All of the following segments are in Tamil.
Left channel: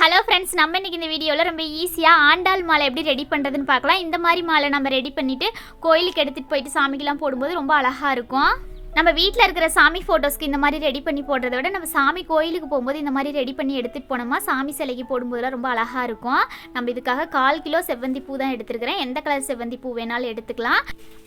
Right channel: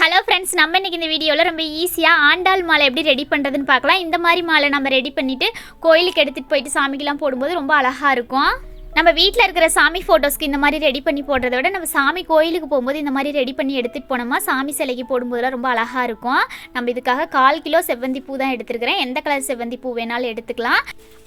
ஹலோ ஃப்ரெண்ட்ஸ், நம்ம இன்றைக்கி இந்த வீடியோவில் ரொம்ப ஈஸியாக ஆண்டாள் மாலை எப்படி ரெடி பண்ணுறதுன்னு பார்க்கலாம். இந்த மாதிரி மாலை நம்ம ரெடி பண்ணிவிட்டு கோயிலுக்கு எடுத்துகிட்டு போயிட்டு சாமிக்கெல்லாம் போடும்போது ரொம்ப அழகாக இருக்கும். நம்ம வீட்டில் இருக்கிற சாமி ஃபோட்டோஸ்க்கு இந்த மாதிரி ரெடி பண்ணி போடுறத விட நம்ம சாமி கோயிலுக்கு போகும்போது இந்த மாதிரி ரெடி பண்ணி எடுத்துகிட்டு போனோமா சாமி சிலைக்கு போடும்போதெல்லாம் ரொம்ப அழகாக இருக்கும். நம்ம இதுக்காக 1/4 கிலோ செவ்வந்தி பூ தான் எடுத்துருக்கிறேன். எந்த கலர் செவ்வந்தி பூ வேணாலும் எடுத்துக்கலாம்.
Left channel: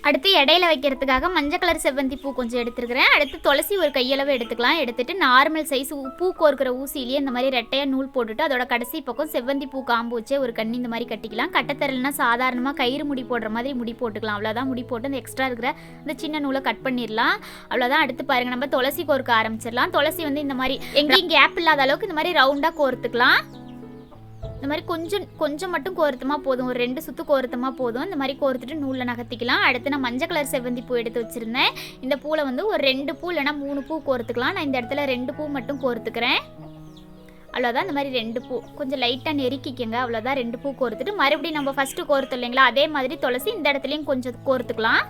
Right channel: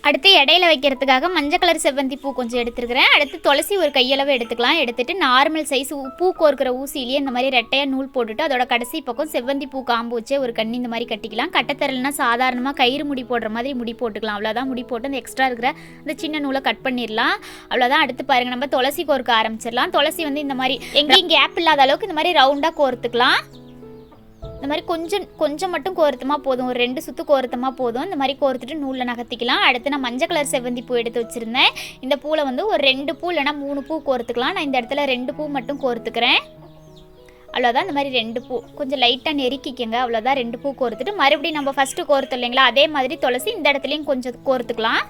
அடுத்து இடையில வைக்கிறதுக்காக மஞ்சள் கலர் செவ்வந்தி பூ கொஞ்சம் எடுத்துருக்கிறேன். அடுத்து துளசி ஒரு கையளவு எடுத்துக்கலாம். எடுத்துகிட்டு நார்மல் சைஸ் பூ கோர்க்கிற ஊசியிலேயே இந்த மாதிரி ரெட்டையாக நூல் போட்டுட்டு அதோட கடைசி பக்கம் செவ்வந்தி பூ காம்பு வச்சு ஒரு கண்ணி இந்த மாதிரி கட்டிக்கலாம். கட்டத்தரலைன்னா சாதாரணமாக கயிறு முடி போடுற மாதிரி முடி போட்டுக்கலாம். அவ்வளோதான். முடி போட்டு அந்த எக்ஸ்ட்ரா இருக்கிற இந்த சின்ன நூலை கட் பண்ணிடலாம். அவ்வளோதான். அடுத்து பாருங்கள், நம்ம துளசி கோர்க்க ஆரம்பிச்சிடலாம். துளசி இந்த மாதிரி எங்கேயும் கேப் இல்லாத அளவுக்கு இந்த மாதிரி ரவுண்டாக கோர்த்துக்கலாம். இந்த மாதிரி கொஞ்சம் மட்டும் கோர்த்தமாக போதும். ஒரு 2 சுற்று கோர்த்தமாக போதும். இந்த மாதிரி கோர்த்துட்டு நூலில் நகர்த்திக்கலாம். அடுத்து நான் மஞ்சள் கலர் செவ்வந்தி பூ எடுத்து வச்சுருந்தேன். இந்த பூவில் ஒரு 2 பூ இல்லைனா 3 பூ கோர்த்துக்கலாம். நான் இந்த இடத்துல 2 பூ மட்டும் கோர்த்துக்கிறேன். அவ்வளோதான். இந்த மாதிரி 2 பூ கொஞ்சம் லைட்டாக நெருக்கிக்கங்க. அவ்வளோதான். 2 பூ கோர்த்துட்டு மறுபடியும் நம்ம ஃபஸ்ட்டு கோர்த்து இல்லைங்களா, அதே மாதிரி துளசி இந்த இடத்துலையும் கொஞ்சம் கோர்த்துக்கலாம்.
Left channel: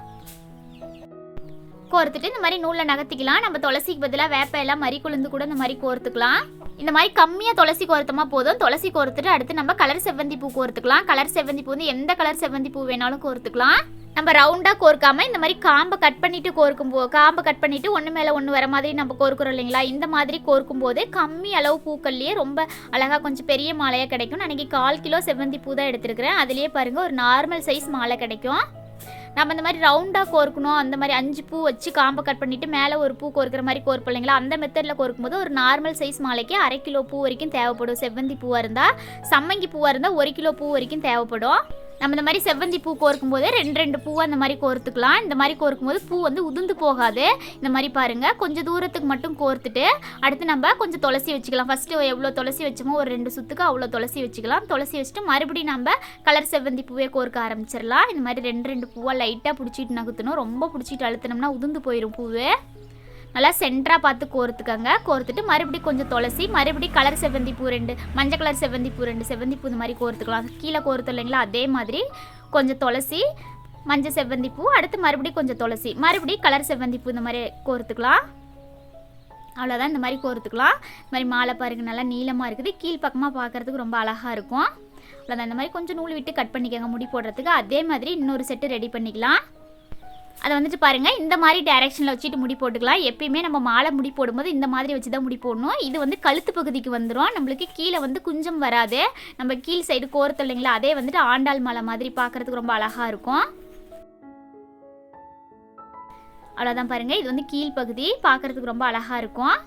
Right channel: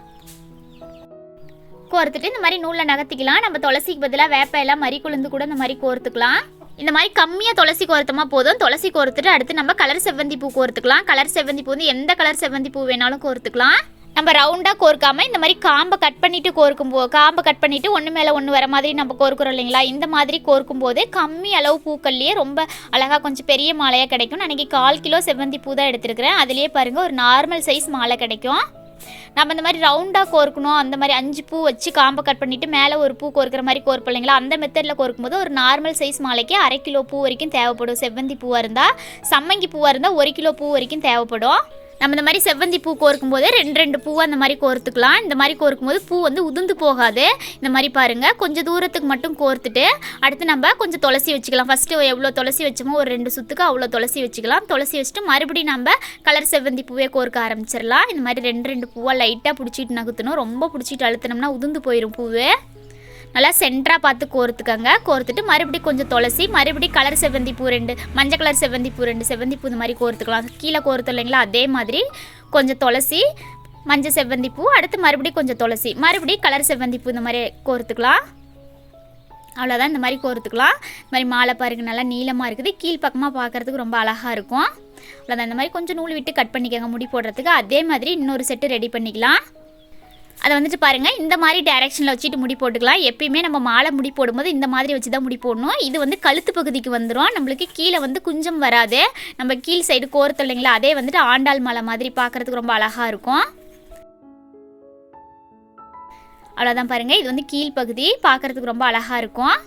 கோர்த்துட்டு இந்த மாதிரி நூலில் நகர்த்திக்கலாம். நம்ம துளசிக்கு பதிலாக வேப்ப எல்லாம் மறி குழுந்து கூட இந்த மாதிரி கோர்த்துக்கலாம். இந்த மாதிரி கம்மியாக துளசி கோர்த்தமாக போதும். துளசி கோர்த்துட்டு அடுத்து நம்ம கலர் செவ்வந்தி பூ கோர்த்துக்கலாம். கலர் செவ்வந்தி பூ எந்த கலர் செவ்வந்தி பூ வேணாலும் கோர்த்துக்கலாம். நம்ம ரவுண்டாக கோர்க்காமல் இந்த மாதிரி காம்பை கட் பண்ணிவிட்டு காம்பை கட் பண்ணிவிட்டு ஒன்று மேலே ஒன்று வர மாதிரி நம்ம கோர்க்குறோம் இல்லைங்களா, இந்த மாதிரி கோர்க்கும் போது கம்மி அளவு பூக்கள்லேயே ரொம்ப அழகாக கொஞ்சம் பெரிய மாலையாக கிடைக்கும். நான் இன்றைக்கி 1/4 கிலோ செவ்வந்தி பூ தான் எடுத்துருக்கிறேன். அதுலேயே பாருங்கள் ஒரு நார்மல் சைஸ் மாலை கிடைக்கும். நம்ம இந்த மாதிரி ரவுண்டாக கோர்க்கணும், அந்த மாதிரி 5 பூ வச்சு காம்பை கட் பண்ணிவிட்டு மேலே ஒரு பூ கோர்க்குற மாதிரி கோர்ப்போம் இல்லைங்களா, அந்த மெத்தடில் கோர்க்கும்போது ஒரு நார்மல் சைஸ் மாலைக்கு 1/2 கிலோ பூ வரைக்கும் தேவைப்படும். செவ்வந்தி பூவாக இருந்தால், சம்மங்கி பூவாக இருந்தால் 1 கிலோ பூ வரைக்கும் தேவைப்படும். நம்ம இந்த மாதிரி செவ்வந்தி பூ கோர்க்கும்போது 2 பூவை அந்த மாதிரி கோர்த்துக்கலாம். இந்த மாதிரி கோர்க்கும்போது பூ உதிர்ந்து போகாது. இந்த மாதிரி பாருங்கள், கொஞ்சம் தூரத்துக்கு மட்டும் கோர்த்துட்டு அடுத்து நம்ம கொஞ்சம் துளசி வச்சுக்கலாம். ஃபஸ்ட்டு எவ்வளோ துளசி வச்சோமோ ஒரு 2 சுற்றுக்கு அவ்வளோ துளசி வச்சுக்கலாம். துளசி வச்சுட்டு மறுபடியும் நம்ம கலர் செவ்வந்தி பூவே கோர்க்க ஆரம்பிச்சிடலாம். இந்த மாதிரி 2 பூவாக லைட்டாக பிடிச்சிட்டு நகுத்தணும். ரொம்ப பிடிச்சிட்டு அழுத்தினோம்னா உதிர்ந்து போயிடும் பூவு. நல்லா சென்டராக பார்த்து கோர்த்துக்கங்க. கோர்த்துட்டு மறுபடியும் கொஞ்சம் துளசி, மறுபடியும் கலர் செவ்வந்தி பூ 2, மஞ்சள் கலர் செவ்வந்தி பூ 2 செவ்வந்தி பூ இந்த மாதிரி கோர்த்துக்கலாம். கீழே கோர்த்து இல்லைங்களா, அதே மாதிரி கொஞ்சம் துளசி, மஞ்சள் செவ்வந்தி பூ, அடுத்து மறுபடியும் கொஞ்சம் துளசி, மறுபடியும் கலர் செவ்வந்தி பூ இந்த மாதிரி கோர்த்துக்கலாம். அவ்வளோதான். இந்த மாதிரி கோர்த்துக்கலாம். இந்த மாதிரி மாலை பாருங்கள், நல்லா நீளமாக இருக்குது. கீழ் பக்கமாக பார்க்குறதுக்கு ரொம்ப அழகாக இருக்கும். அவ்வளோதான். இந்த மாதிரி கொஞ்சம் நூல் விட்டு கட் பண்ணிக்கோங்க முடி போடுறதுக்கு. அதே மாதிரி இன்னொரு செட்டு ரெடி பண்ணிக்கலாம். அதை பாருங்கள், இந்த மாதிரி டைரெக்ஷனில் வச்சுட்டு முடி போட்டுக்கலாம். எப்பயுமே நம்ம மாலை முடி போடும்போது இந்த மாதிரி வச்சு தான் முடி போடணும். இது கழுத்து பகுதிக்கு வந்துடும். நம்மளுக்கு கீழே குஞ்சம் வராது. நம்ம கீழ் சைடு கோர்த்து இல்லைங்களா, அதே ஆண்டாள் மாலை மாதிரி பார்க்குறதுக்கு ரொம்ப அழகாக இருக்கும். அவ்வளோதான் பாருங்கள், இது கீழ் பகுதி பார்க்குறதுக்கு ரொம்ப அழகாக இருக்கும்.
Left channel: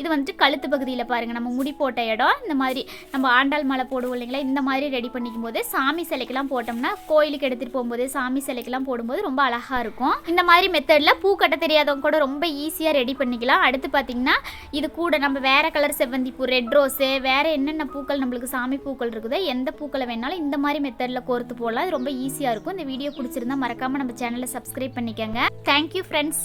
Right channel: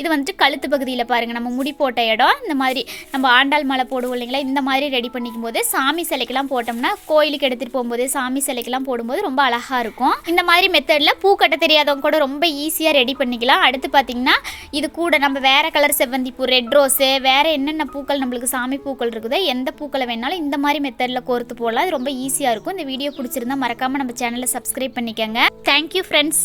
இது கழுத்து பகுதியில் பாருங்கள், நம்ம முடி போட்ட இடம். இந்த மாதிரி நம்ம ஆண்டாள் மாலை போடுவோம் இல்லைங்களா, இந்த மாதிரி ரெடி பண்ணிக்கும் போது சாமி சிலைக்கெல்லாம் போட்டோம்னா கோயிலுக்கு எடுத்துகிட்டு போகும்போது சாமி சிலைக்கெல்லாம் போடும்போது ரொம்ப அழகாக இருக்கும். இந்த மாதிரி மெத்தடில் பூ கட்ட தெரியாதவங்க கூட ரொம்ப ஈஸியாக ரெடி பண்ணிக்கலாம். அடுத்து பார்த்திங்கன்னா இது கூட நம்ம வேறு கலர் செவ்வந்தி பூ, ரெட் ரோஸு, வேறு என்னென்ன பூக்கள் நம்மளுக்கு சாமி பூக்கள் இருக்குதோ எந்த பூக்களை வேணாலும் இந்த மாதிரி மெத்தடில் கோர்த்து போடலாம். அது ரொம்ப ஈஸியாக இருக்கும். இந்த வீடியோ பிடிச்சிருந்தா மறக்காமல் நம்ம சேனலை சப்ஸ்கிரைப் பண்ணிக்கோங்க. Thank you friends.